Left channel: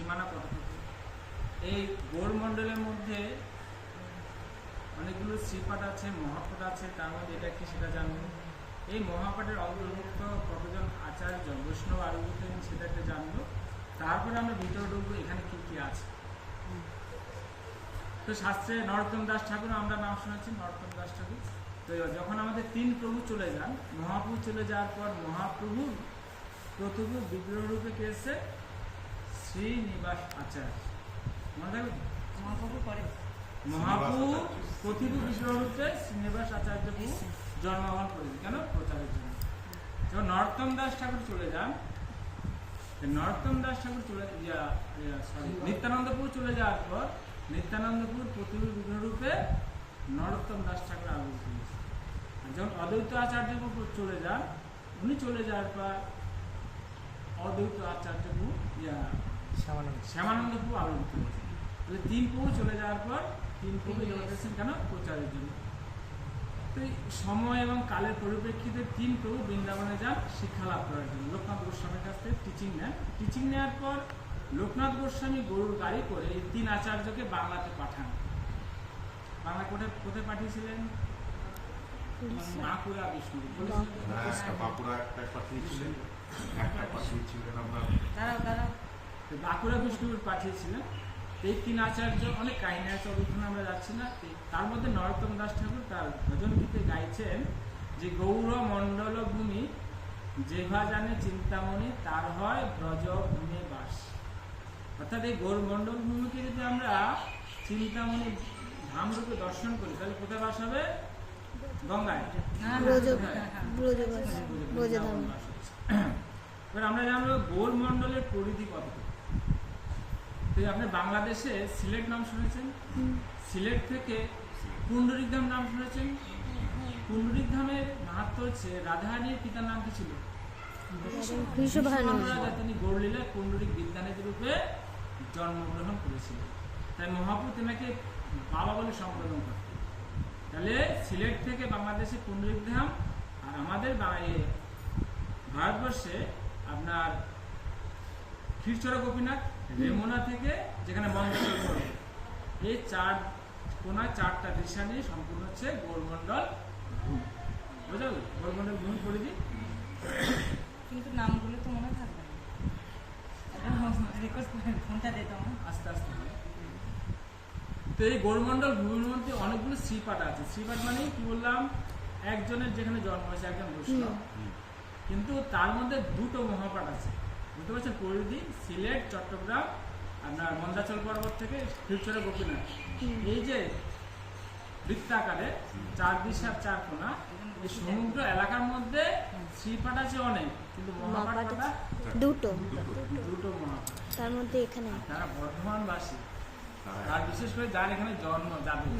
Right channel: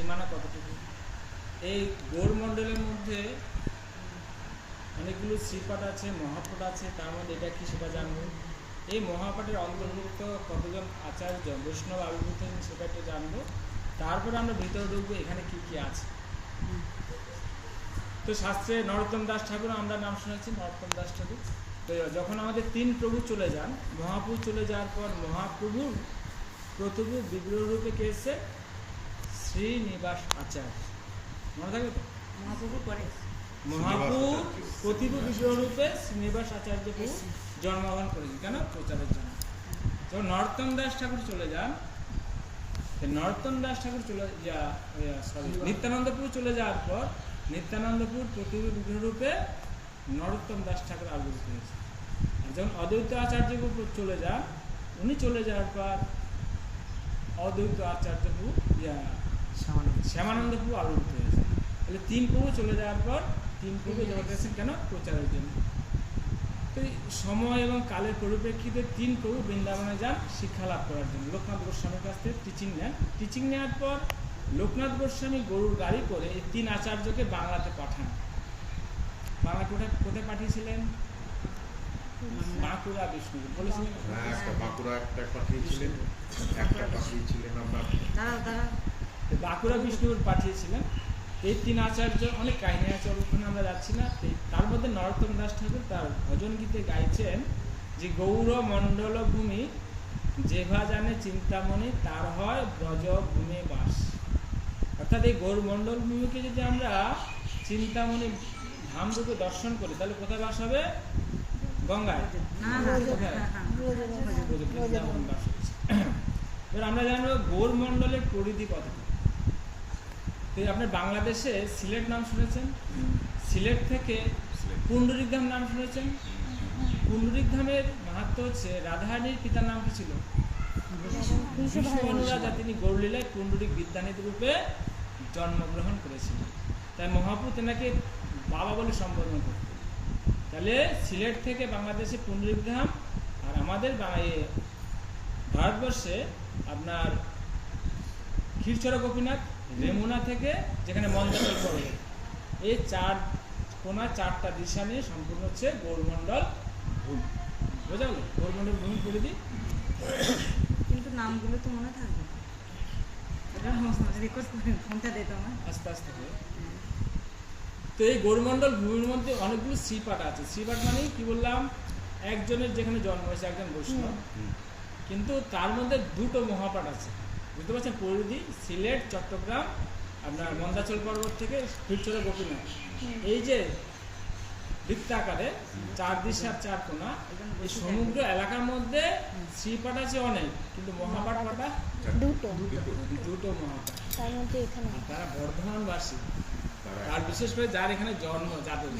সীমানা কতটুকু? এই গৌরমণ্ডলের মধ্যে অনেকগুলো শ্রীপাঠ আছে, মহাপাঠ আছে, তার মধ্যে এটা কি সেটা জানবো। এই মহাপাঠের অন্তর্ভুক্ত কতজন আচার্য বৈষ্ণব আবির্ভূত হয়েছেন সেটা একটা জানবো। তারপরে আমরা ভিতরে ঢুকবো এখানে কি কি আছে। তো শাস্ত্রে নরোত্তম দাস ঠাকুর আমরা নাম শুনেছি, নরোত্তম দাস ঠাকুর। তো যখন আমাদের তিন প্রভু চলে যান, মহাপ্রভু চলে যাওয়ার পর মহাপ্রভুর প্রতিভু বিগ্রহ রূপে কে এসছে? শ্রীনিবাস আচার্য। মনে থাকবে তো? মহাপ্রভু প্রতিভু বিগ্রহ রূপে শ্রীনিবাস আচার্য প্রভু জন্মগ্রহণ করেছেন। কেন? প্রচারের জন্য। যখন নরোত্তম দাস ঠাকুর চলে যান, নরোত্তম দাস ঠাকুর নিত্যানন্দপুর চলে যাওয়ার পর নিত্যানন্দপুর প্রতিভু বিগ্রহ রূপে নরোত্তম দাস ঠাকুর আবির্ভূত হয়েছে। আর যখন অদ্বৈত আচার্য চলে যান, উনি চলে যাওয়ার পর অদ্বৈত আচার্য প্রভু শ্যামানন্দ প্রভু আবির্ভূত হয়েছে। তাহলে তিন প্রভু চলে যাওয়ার পর তিন প্রভু জগতে এসেছেন কেন? প্রচারের জন্য। তো সময় এবং কালের পরিপ্রেক্ষিতে তিন প্রভু বৃন্দাবনে যান শিক্ষা লাভ করার জন্য। লোকনাথ গোস্বামীর কাছ থেকে টিচিং নেন। টিচিং নেওয়ার পর লোকনাথ গোস্বামী গরুর গাড়ি করে এই তিন আচার্যকে বাংলাতে পাঠান। বাংলা কোথায় পাঠিয়েছিলেন? বাঁকুড়া বিষ্ণুপুর বলেছিলেন। বাঁকুড়া বিষ্ণুপুর পাঠিয়েছিলেন। এই তিন আচার্য, অনেক কাহিনী আছে, ওখানে আমরা যাচ্ছি না। তার মধ্যে নরোত্তম দাস ঠাকুর তার ভজন গীতে গাইছেন যে গৌর মণ্ডল ভূমি যেভা জানে চিন্তামণি তার হয় ব্রজ ভূমে বাস। অর্থাৎ এই গৌর মণ্ডল ভূমিকে যদি আমরা চিন্তামণি ধামরূপে দর্শন করি তাহলে কোথায় বাস হবে? গঙ্গায়। এবার আমরা জানবো গৌর মণ্ডলের পরিধি কতটুকু। তো আপনার বাংলাদেশে সিলেট নাম শুনেছেন? সিলেট থেকে পুণ্ডরিক ধাম নাম শুনেছেন? পুণ্ডরিক ধামের মাহাত্ম হচ্ছে রাধারানীর পিতার নাম কি ছিল? রাজা। তিনি গৌরলীলায় পুণ্ডরিক বিদ্যানিধি রূপে জন্মগ্রহণ করেছিলেন। তাই মহাপ্রভু তেনাকে বাবা বলে সম্বোধন করতেন। তাহলে সিলেট থেকে বাংলাদেশে পুণ্ডরিক ধাম, আর আমাদের ভারতবর্ষে আপনার ক্ষীরচরা গোপীনাথ, রেমুনা থেকে যেখানে মন্দাচল পড়ে, এই চার কোনা চারটা দিশা নিয়ে সম্পূর্ণ হচ্ছে গৌরমণ্ডল ভূমি। বোঝা গেল? গৌরমণ্ডল ভূমি পরিধি। কিন্তু নামগুলো তো মনে থাকবে না, আস্তে আস্তে হবে। তো এই গৌরমণ্ডল ভূমির মধ্যে অনেকগুলো শ্রীপাঠ আছে। শ্রীপাঠ মানে কি বললাম? একজনের যেখানে জন্ম হয়েছে, একজন বৈষ্ণব, কিন্তু তার মধ্যে দুটো মহাপাঠ আছে। বুঝতে পারছেন? পরিধি সিলেট, চট্টগ্রাম, আপনার মন্দাচল পর্বত থেকে ক্ষীরচরা গোপীনাথ, এই যে বৃত্তাকারে চার দিশার চার কোনা, এই সমগ্র এলাকার মধ্যে শ্রীপাঠ আছে অনেক, কিন্তু মহাপাঠ কটা? দুটো মহাপাঠ। তার মধ্যে এখানে তারা বর্ধমানবাসী, আর বিশেষ করে যার এখানে জন্ম, যাদব।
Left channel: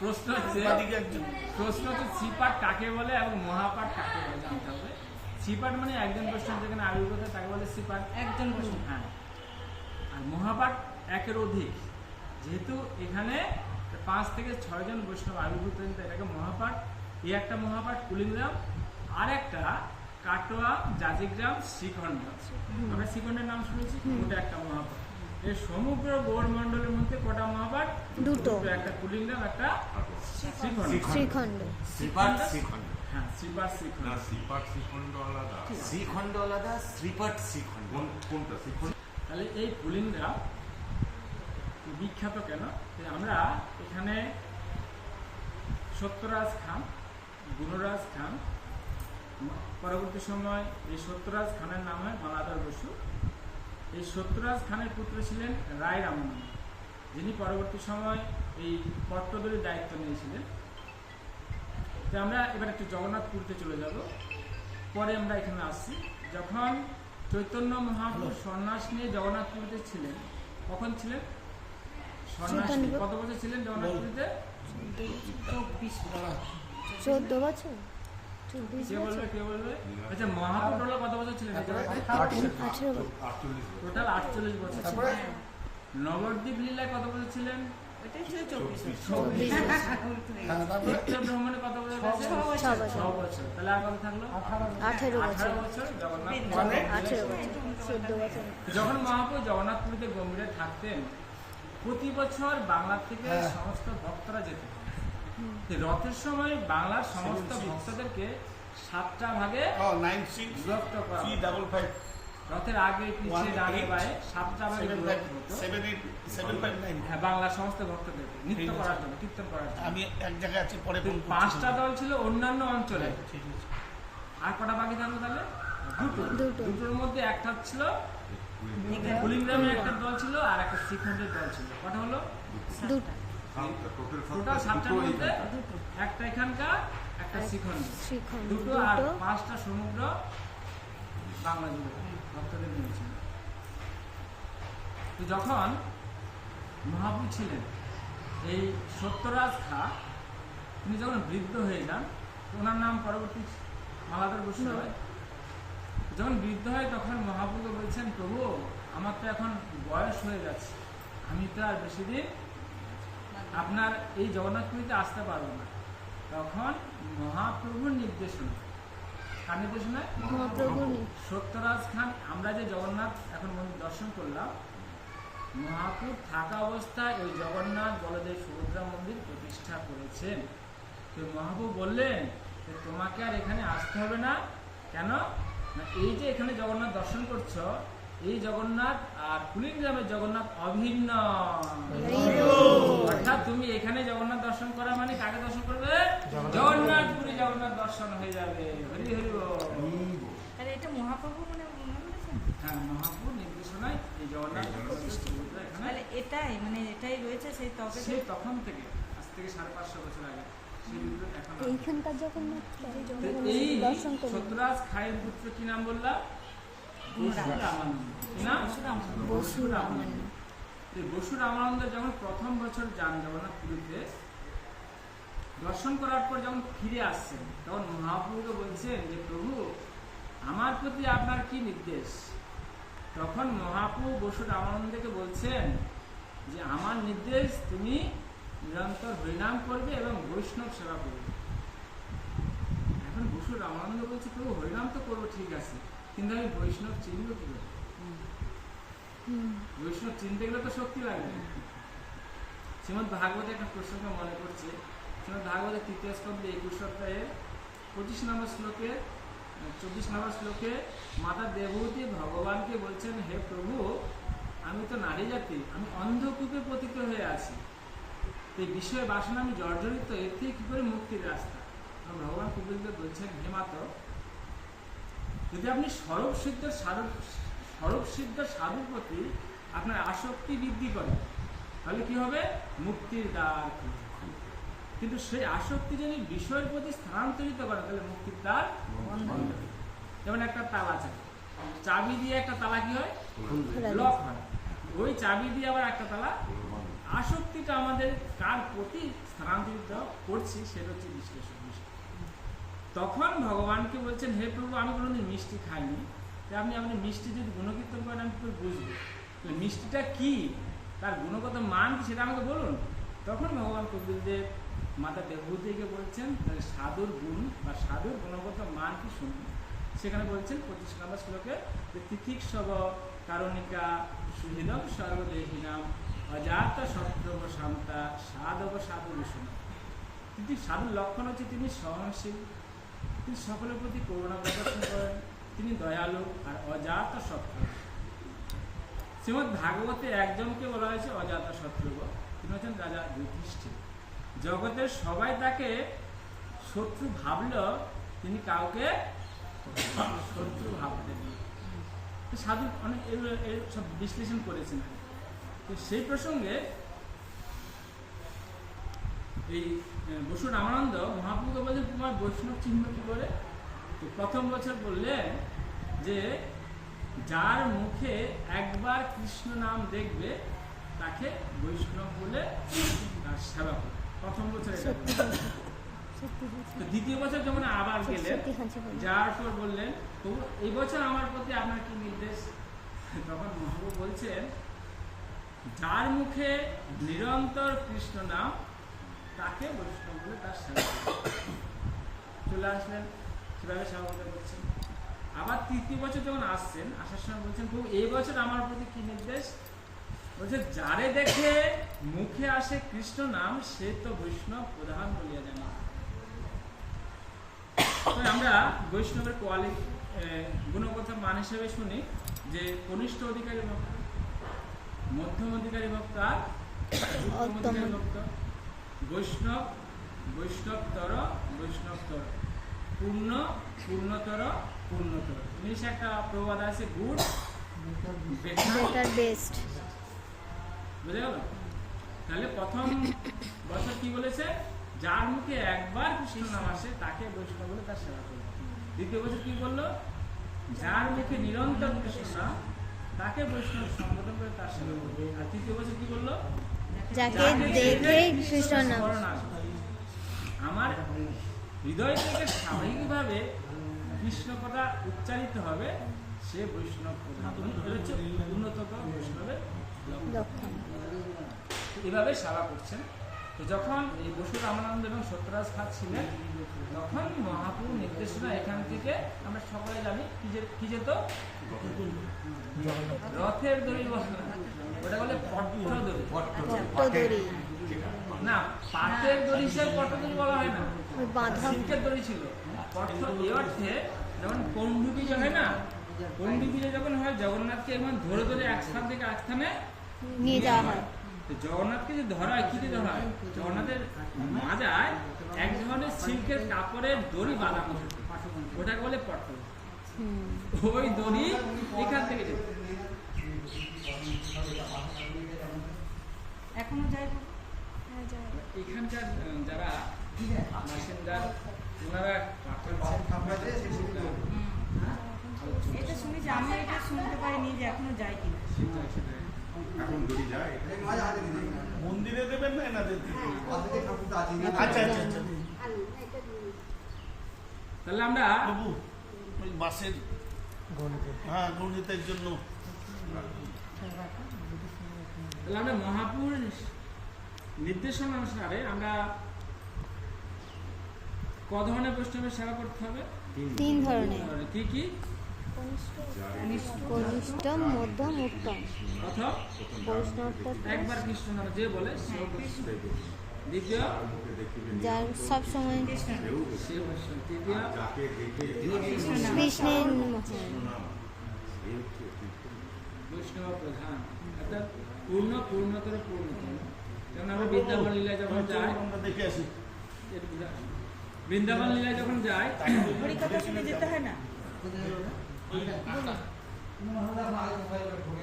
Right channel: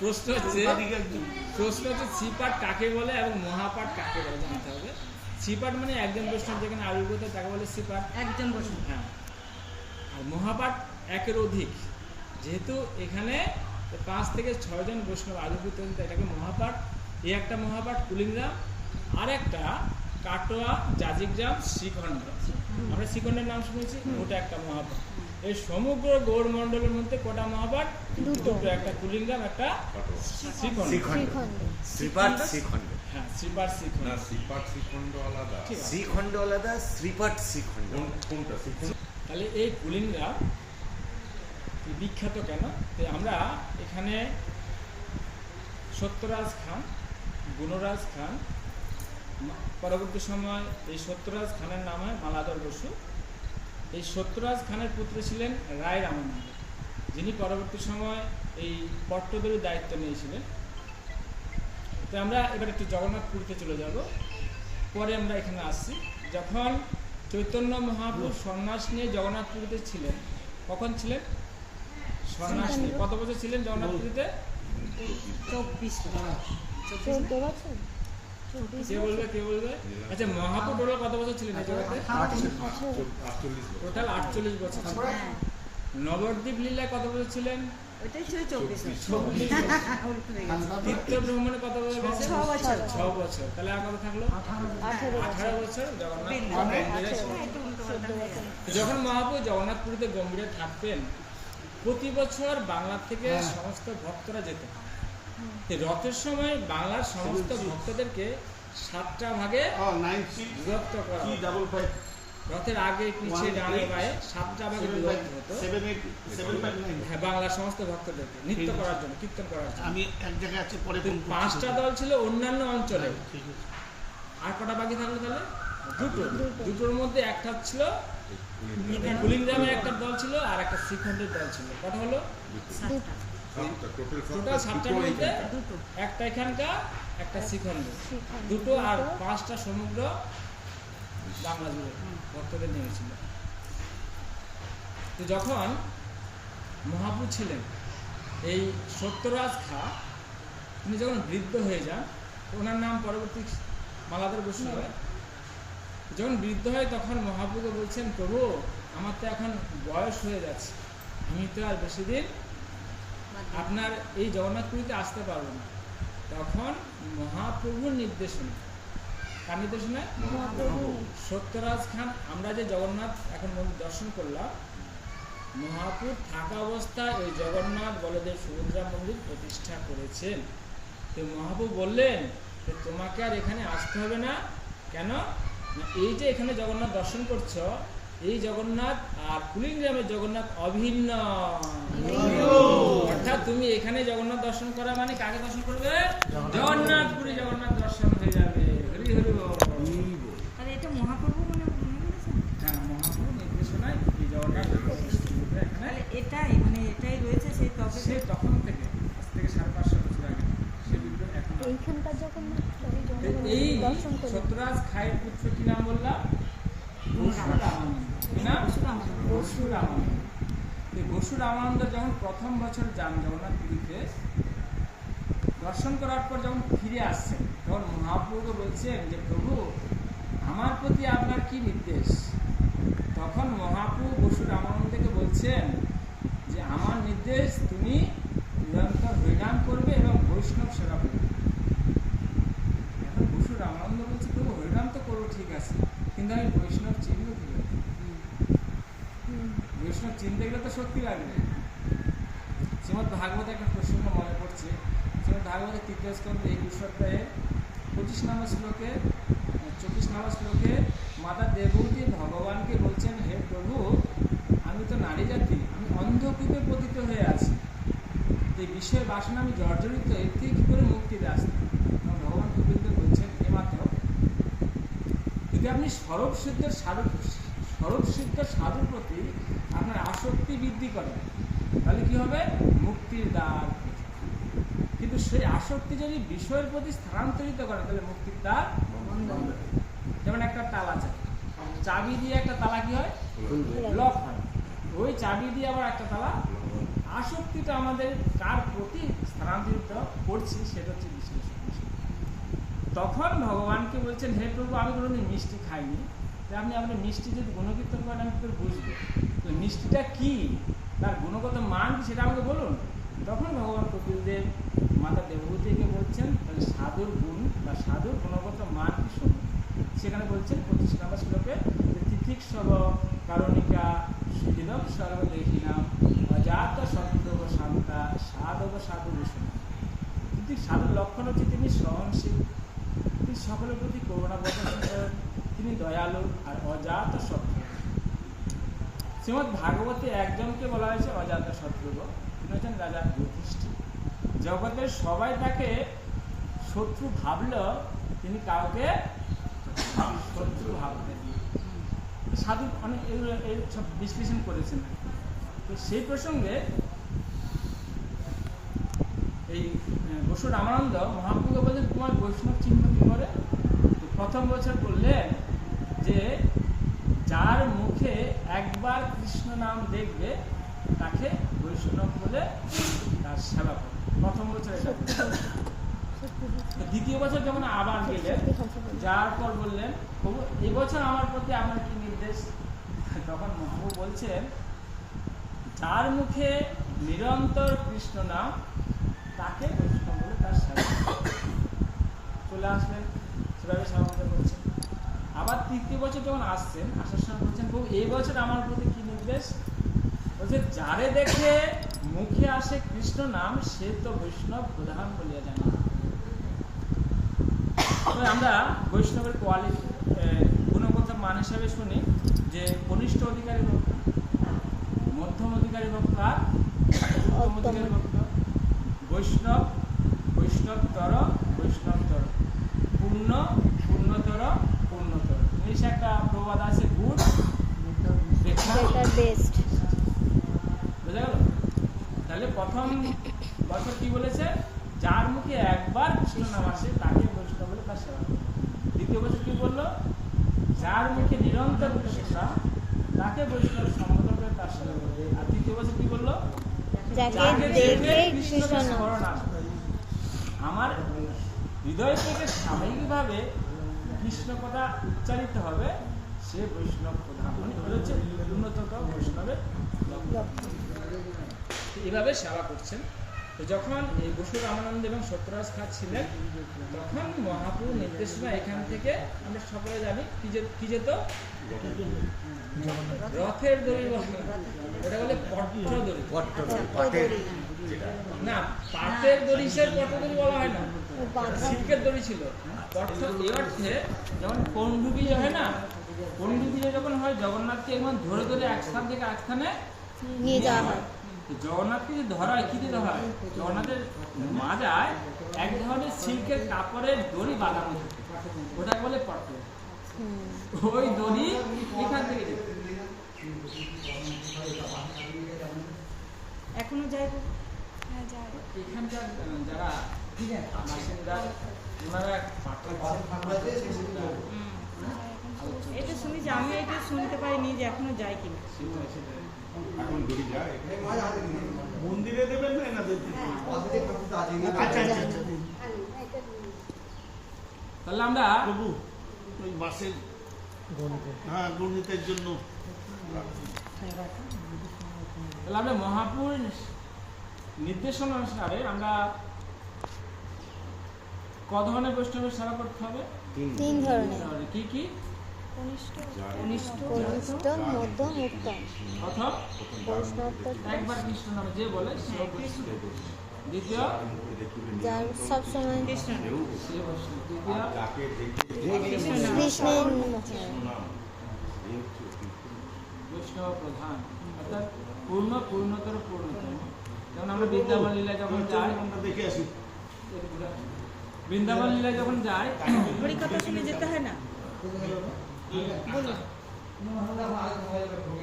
প্রশ্ন হচ্ছে শ্রীপাঠ কাকে বলে এবং মহাপাঠ কাকে বলে জানতে হবে। শ্রীপাঠ মানে একজন বৈষ্ণব যেখানে আবির্ভূত তাকে বলে শ্রীপাঠ, একজন বৈষ্ণব। হ্যাঁ। আর মহাপাঠ একের অধিক, যেহেতু এখানে 5 থেকে 6 জন বৈষ্ণব আবির্ভূত হয়েছে, এটাকে মহাপাঠ। এই একটা মহাপাঠ কুলিগ্রাম, আর একটা কাটোয়া, জাজিগ্রাম, শ্রীখণ্ড। আমরা শ্রীখণ্ডের নাম শুনেছি, ওটা একটা মহাপাঠ। এই সমগ্র গৌরমণ্ডলের মধ্যে কটা মহাপাঠ? দুটো, একটা কুলিগ্রাম, একটা শ্রীখণ্ড। শ্রীপাঠ শ্রীখণ্ড। হ্যাঁ, শ্রীপাঠ শ্রীখণ্ড। না, শ্রীপাঠ শ্রীখণ্ড আলাদা। শ্রীখণ্ড আলাদা, শ্রীপাঠ শ্রীখণ্ড। কোনটা শ্রীখণ্ড? তাহলে এই কুলিগ্রাম বিখ্যাত কেন? আমরা এখানে সত্যরাজ খান, গুণরাজ খান, পরবর্তী সময় এই সত্যরাজ খানের নাম হয় মালাধর বসু। এই সত্যরাজ খানের পুত্র ছিলেন রায় রামানন্দ, যিনি পরবর্তী সময় এই পট্টদরির দায়িত্ব নিয়েছিলেন। তো আমরা এবার একটু জগন্নাথপুরীতে চলে যাব, পরে আমরা এখানে আসছি। যখন চৈতন্য মহাপ্রভু সন্ন্যাস নিয়ে জগন্নাথপুরীতে ছিলেন, কখন ছিলেন সন্ন্যাস নিয়ে? কত বছর ছিলেন জগন্নাথপুরীতে? 14 বছর। কে বলবে? আচ্ছা, মহাপ্রভু টোটাল কত বছর ছিলেন এই জায়গাতে? টোটাল 48 বছর ছিলেন। নবদ্বীপ লীলায় কত বছর ছিলেন? ওইটাই ছিল 24 24 উল্টো হয়ে হ্যাঁ, গেছে। তীর্থ ভ্রমণে কত বছর গেছে? 6 বছর। 6 বছর। তাহলে আর কত থাকলো? 18 বছর জগন্নাথ বৃদ্ধ। মন্দিরে হ্যাঁ, ছিলেন। একটু উল্টো চোদ্দ পাল্টা হয়ে বছর গেছে। যখন মহাপ্রভু জগন্নাথপুরীতে গম্ভীরে থাকতেন, প্রতি বছর বাংলা থেকে সমস্ত ভক্তরা যেতেন। এই রথের সময় বাংলার সমস্ত ভক্তদেরকে 7টা ভাগে বিভক্ত করা হতো। রথের আগে পিছিয়ে ডানে বায়ে 7টা ভাগে বিভক্ত হতো। হ্যাঁ, বাংলার সমস্ত ভক্তদেরকে নৃত্য করার জন্য, কীর্তন করার জন্য। আমি এক জায়গায় আছি পরে তো 5টা দল ছিল অন্যান্য অঞ্চলে। ঠিক আছে। আর কটা বাকি থাকলো তাহলে? দুটো। দুটো। দুটোর মধ্যে একটা ছিল কুলিগ্রামের একটা দল ছিল আর একটা শ্রীখণ্ডের দল ছিল। কটা হলো? টোটাল 7টার মধ্যে দুটো। একটা এখানকার, একটা শ্রীখণ্ডের, শ্রীখণ্ড দুটো আর 5টা সমুদ্র বাংলা জুড়ে ভক্তদের নিয়েছিল। তো যখন মহাপ্রভু ছিলেন এই সত্যরাজ খা, তিনি যখন বৃদ্ধ হয়ে যান, তো ওনার নাম পরবর্তী মালাধর বৈষ্ণব হয়। যখন বৃদ্ধ হয় তখন মহাপ্রভুকে বলছেন, প্রভু আমার তো এখন বয়স হয়ে যাচ্ছে, আমি তো আর বেশি দিন আপনার এই জগন্নাথপুরীতে আসতে পারবো না। তখন মহাপ্রভুর নির্দেশনা, কার নির্দেশনায়? মহাপ্রভু সত্যরাজ খান, আমরা যে জগন্নাথ এখন মন্দির দর্শন করলাম, মহাপ্রভু থাকা অবস্থায় ওই জগন্নাথ বলদেব সুভদ্রা মন্দির প্রতিষ্ঠা করেছেন। তো মহাপ্রভু বললেন যে তোমাকে আর এখানে আসতে হবে না। কেন না, এই যে এখানে জগন্নাথ দর্শন করছো, এই জগন্নাথ আর কুলিগ্রামের জগন্নাথ অভিন্ন। অর্থাৎ তুমি এখানে জগন্নাথ দর্শন করা মানে কাকে দর্শন করবে? জগন্নাথপুরী জগন্নাথ দর্শন হয়ে যাবে। হরি হরি বল। তাহলে এটা মহাপ্রভু মনে বলেছেন? হ্যাঁ, মহাপ্রভুর নির্দেশনায় এই জগন্নাথ সুভদ্রা এখানে তাহলে এটাই মানে এটাই রয়েছে সেই তবে সে তখন থেকে, আজ থেকে 550 বছর আগে সে বিগ্রহ এখন আছে। এইখানকার জগন্নাথ তো এই দর্শন করি সত্যরাজ খায়ের পুত্র কি নাম বললাম? বসুরামানন্দ। কি নাম? বসুরামানন্দ। তো বসুরামানন্দ যখন প্রথম বছর যান জগন্নাথপুরীতে, দর্শন করার পর যখন ফিরে আসছেন, তখন মহাপ্রভুকে বলছেন যে প্রভু আমার প্রতি আপনার কি নির্দেশ? তখন মহাপ্রভু বসুরামানন্দকে বলছেন যে আমার নির্দেশ তুমি নিরন্তর হরিনাম করবে এবং বৈষ্ণব সেবা করবে। এখন বসুরামানন্দ বলছে প্রভু হরিনাম তো করবো ঠিক আছে, কিন্তু আমি বৈষ্ণব চিনব কি করে? বৈষ্ণব চিনতে গেলে তো শক্তি লাগবে। শ্রীমদ্ ভাগবতে একটা প্রসঙ্গ মনে পড়ছে। শ্রীমদ্ ভাগবতের 3য় স্কন্ধে 21 অধ্যায়ে 25 নম্বর শ্লোকে 24 নম্বর শ্লোকে মাতা দেবহূতি ভগবানকে বলছেন, হে প্রভু আমি তো নারী জাতি, আমি অন্ধকূপে পতিত হয়ে আছি, তো এই বিষয় বাসনা আমি জর্জরিত, এর থেকে কী করে মুক্তির রাস্তা? ভগবান কপিলকে বলছেন, হে মাতা যদি আপনি স্বরূপ সিদ্ধের সাধুর প্রতি আপনার আসক্তি বৃদ্ধি করেন, তাহলে কি হবে? মুক্তির দ্বার। কিন্তু সেই আসক্তি যদি বিষয়ের প্রতি স্থানান্তরিত করে, তাহলে মুক্তির দ্বার বন্ধ হবে। যেমন একটা তালা চাবি দিয়ে একটা তালা কি হয়? লক হয়। ওই চাবি দিয়ে আবার একটা তালা। আসক্তিটা আমাদের কার প্রতি স্থানান্তরিত করছি সেটা হচ্ছে বিশ্লেষণ। তখন ভগবানকে বলছেন, হে প্রভু আমি কোনোদিন মিষ্টি খাইনি, আপনি মিষ্টি যদি গুণকীর্তন করেন আমি তো বুঝবো মিষ্টিটা কি, তার গুণগত মান কি সেটা আমাকে বলুন। তখন ভগবান কপিলদেব মাতা দেবহূতিকে বলছেন সাধুর গুণ বা সাধুর গুণগত মান কি শুনুন। সেখানে বলছেন 25 নম্বর শ্লোকে যে তিথিক সব কারণিকা সুহৃদম সর্বদেহিনাম অজাত সত্যব শান্তা সাধব সাধু বিষ্ণু। কিন্তু সাধুর লক্ষণ হচ্ছে তিনি সহনশীল, তিনি সকলের প্রতি করুণা প্রদর্শন করেন, তিনি দয়ালু আর অজাত শত্রু। শ্রীমদ্ ভাগবতে একজনকে বলা হয়েছে অজাত শত্রু, তিনি হচ্ছেন রাজা যুধিষ্ঠির। জগতের সবাই তাকে শত্রু ভাবলেও তিনি কাউকে শত্রু ভাবতেন। সাধু অনেক এই সব বিশ্লেষণ করেছেন। তো সেই প্রসঙ্গে এই বসুরামানন্দ মহাপ্রভুকে বলছেন তোমার বৈষ্ণব চিহ্ন কি করে? প্রথম বছর বললেন যে যার মুখে একবার কৃষ্ণ নাম দেখবে তাকে বৈষ্ণব বলে তার সেবা করে। প্রথম বছর এটা। দ্বিতীয় বছর যখন আবার গেলেন, যাওয়ার পর বললেন প্রভু এই বছর আমার প্রতি আপনার কি নির্দেশ? তখন মহাপ্রভু বলছেন যার মুখে নিরন্তর কৃষ্ণ নাম তাকে বৈষ্ণব বলে তার সেবা চলে আসলেন, সেভাবে সেবা করছেন। আবার তৃতীয় বছর যখন আসছেন, আসার সময় বলছেন প্রভু এই বছর আমার প্রতি কি নির্দেশ? বলছে যারে দেখে মুখে আসে কৃষ্ণ নাম সে তো বৈষ্ণব প্রধান বলিয়া জানা। আমরা বৈষ্ণবের গুণগত মান হিসেবে শুনি যে কনিষ্ঠ অধিকারী ভক্ত, মধ্যম অধিকারী ভক্ত আর উত্তম অধিকারী ভক্ত, বৈষ্ণব বৈষ্ণবতর বৈষ্ণবতর, পূর্ণ পূর্ণতর পূর্ণতর। ইংলিশে একটা প্রবাদ আছে, গুড বেটার বেস্ট। বুঝা গেল? তাহলে প্রথম বছর কি বলেছে? যার মুখে একবার কৃষ্ণ নাম আসে তাকে বৈষ্ণব বলে তার সেবা করবে। দ্বিতীয় বছর কি বললো? যার মুখে নিরন্তর কৃষ্ণ নাম তাকে বৈষ্ণব সম্বোধন করে তার সেবা করবে। আর তৃতীয় বছর কি বললো? যাকে দেখে কৃষ্ণ নাম স্মরণ আসবে। আমার হৃদয় থেকে স্বাভাবিকভাবে কৃষ্ণ কথা উচ্চারিত হবে, সে বৈষ্ণব প্রধান। এটা হচ্ছে উন্নততম বৈষ্ণবের লক্ষণ। এভাবে সেবা করছেন। তো যখন এই বসু রামানন্দ এবং সত্যরাজ খাঁ ছিলেন, তখন মহাপ্রভু নির্দেশনা এখান থেকে আমরা সকলে জানি কি যেত? রথের দড়ি, ওটা বলে পট্টদড়ি। না, পাটের দড়ি সে পট্টদড়ি বলা হয় না, সিল্কের দড়ি ছিল। পট্ট এই অর্থে যখন পণ্ডুবি হয় না, পণ্ডুবি যখন হয় জগন্নাথকে এমন ধরে ধরে এক স্থান থেকে এক স্থানে নিয়ে যাওয়া হয়। জগন্নাথকে যে ধরা হয়, কি দিয়ে ধরা হয়? জগন্নাথের মাজায় এক ধরনের সিল্কের কাপড়ের দড়ি বাঁধানো থাকে, ওটা বলে পট্ট। ওই দড়ি এখান থেকে যেত। এখনো যায়? এখানকার যারা বাসিন্দা ওনারা এটা শুনি যে আমি এটা শুনতে পারিনি যে এখনো যায় কিনা। এখন দড়ি যায় মন্দিরে দেবেন না এনাদের? আচ্ছা আচ্ছা আচ্ছা। তাহলে আমরা প্রভু ওই মাসের গণিতের জন্য তাহলে আমরা মহাপুর নির্দেশনা অনুসারে আমরা ক ধরনের বৈষ্ণবের সেবা করতে হবে? 3 ধরনের, কি কি? কনিষ্ঠ, মধ্যম, উত্তম। প্রথম একবার কৃষ্ণ নামে যে বলে সে বৈষ্ণব। দ্বিতীয় যার সব সময় সে বৈষ্ণব। তৃতীয় কৃষ্ণের বৈষ্ণব প্রধান, অর্থাৎ পূর্ণ পূর্ণতর পূর্ণতম। কারণ আমরা বৃন্দাবন লীলায় যখন যাই, আমরা দেখে আসি। বৃন্দাবন লীলায় যখন যাই, হরিকথা শুনে যেতে হয় না?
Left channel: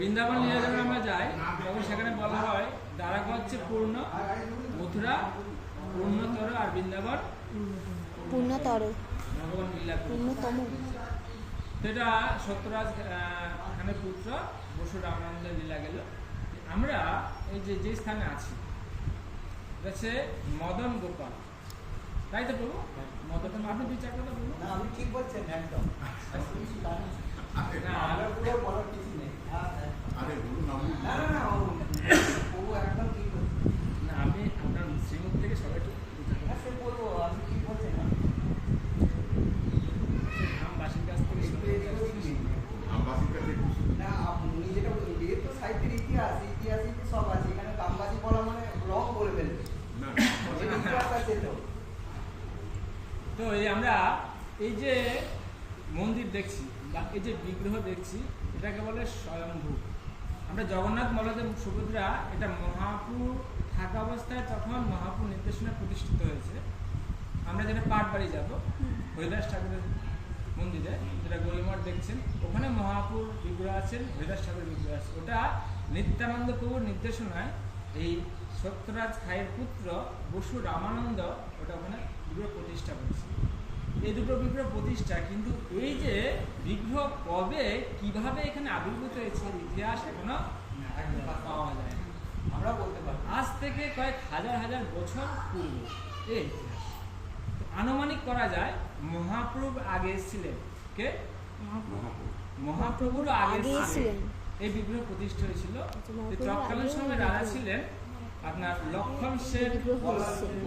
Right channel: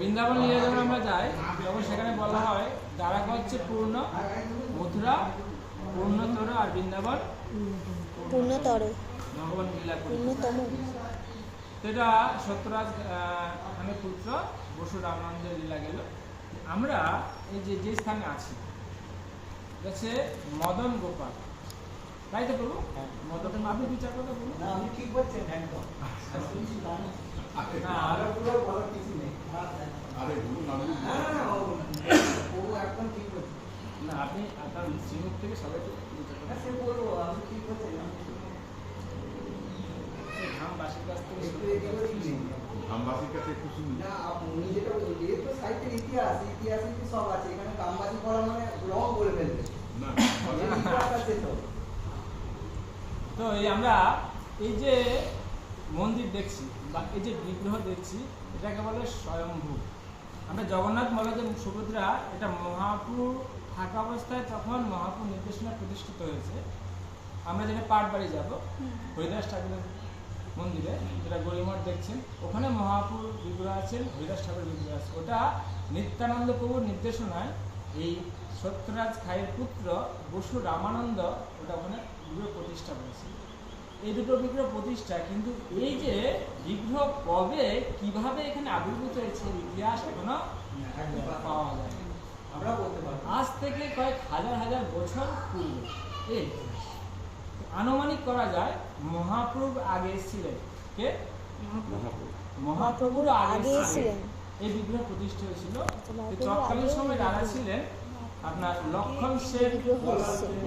বৃন্দাবন লীলায় যখন আমরা যাই, তখন সেখানে বলা হয় দ্বারকা হচ্ছে পূর্ণ, মথুরা পূর্ণতর, আর বৃন্দাবন পূর্ণতর, ভগবান লীলা করে। পূর্ণতম। সেটা সত্যরাজ খানের পুত্র বসু রামানন্দের লীলা গেল। আমরা এই যে স্থানে আছি হচ্ছে মদন গোপাল, তাই তো প্রভু? মদন, আপনি দু চার কথা বলুন। আপনি ঠিক বলছেন একদম। না, আরে গুরু নাম একদম ঠিক বলছেন। না, আপনি আপনার শ্রীমুখ থেকে সবাইকে দু চার কথা বলবো আমি ঠিক বলছেন না। ধামবাসীর কাছ থেকে শুনে আমবাসীর কাছে একটু শুনুন। না আপনি যেটা বলছেন যে তো সাহিত্যের ইতিহাসে সব আছে, এখানে কামবাজি বলা মানে রং করে ফেলবে। না ইতিহাস আছে তো। তো এই আমরা এই যে মন্দির দেখছি বা এই যে বিগ্রহ দেখছি, এটাকে বলে স্বয়ম্ভু। আমরা জগন্নাথ বলদেব সুভদ্রা, এটা মহাপুর থাকা অবস্থায় তখন মহাপুর নির্দেশনা প্রতিষ্ঠিত হয়েছে। আমরা যেটা পাটবাড়ি যাব, হরিদাস ঠাকুরের মন্দিরে, যেটা গরিমঠ দেখছেন, ওখানে মহাপুর বিগ্রহ আছেন, হরিদাস ঠাকুরের বিগ্রহ আছে। ওটা নিত্যানন্দ প্রভুর নির্দেশনায় এই সত্যরাজ খায়ের পুত্র বসু রামানন্দ ওটা ওখানে বিগ্রহ প্রতিষ্ঠা করেছে। এই দুটো বিগ্রহ প্রতিষ্ঠা, কিন্তু এই যে বিগ্রহ কবে কিভাবে এখানে আবির্ভূত হয়েছে ইতিহাস এখনো পাওয়া যায় না। আমরা বলতে পারি আজ থেকে কয়েক হাজার হাজার বছর পূর্বে এই ইতিহাস। তো আনুমানিক করা যায় মহাপ্রভু আগে এসেছিলেন। কে? মহাপ্রভুর আগে আগে এসেছিলেন। ছিলেন। এই বিগ্রহ প্রতিষ্ঠা হয়েছিল। তো তৎকালীন সময় রাজা ছিলেন আপনার লক্ষণ সেন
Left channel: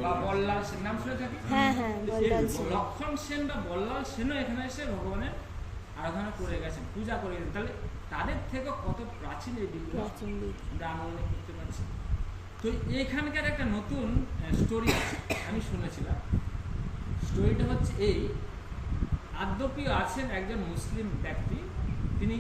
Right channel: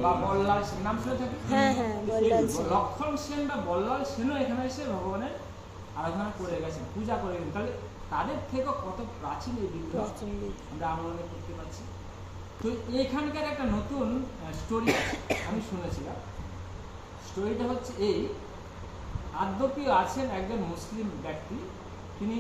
বা বল্লাল সেন, নাম শুনে থাকি। হ্যাঁ হ্যাঁ বল্লাল সেন। লক্ষণ সেন বা বল্লাল সেনও এখানে এসে ভগবানের আরাধনা করে গেছেন, পূজা করে গেছেন। তাহলে তাদের থেকে কত প্রাচীন এই বিগ্রহ প্রাচীন বিগ্রহ। আমরা আনুমানিক করতে পারছি। তো এইখানকার একটা নতুন স্টোরি আমি শুনেছিলাম। স্টোরিটা হচ্ছে এই, আদ্যপি আছেন একজন মুসলিম ব্যক্তি, তিনি